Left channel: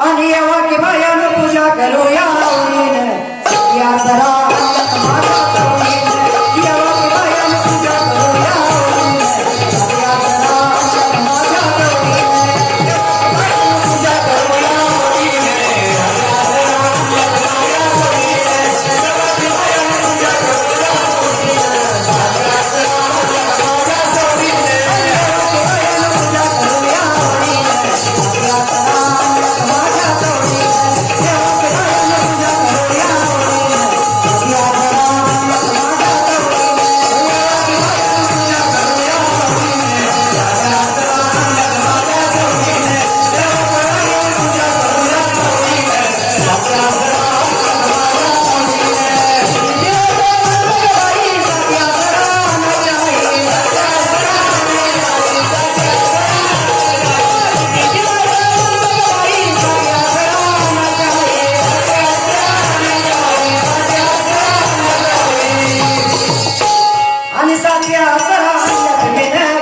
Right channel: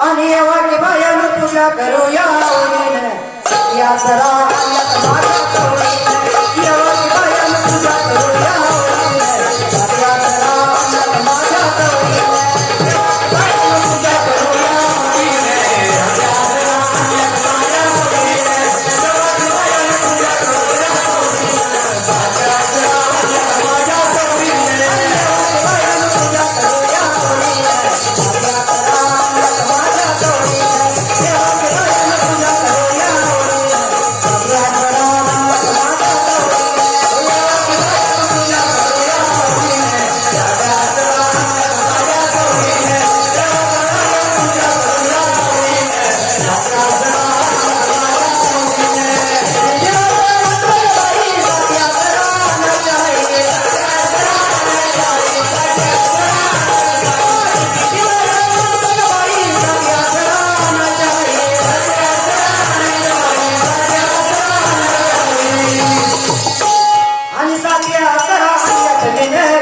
आणि या पूजा करूया. या सरा ya ya ya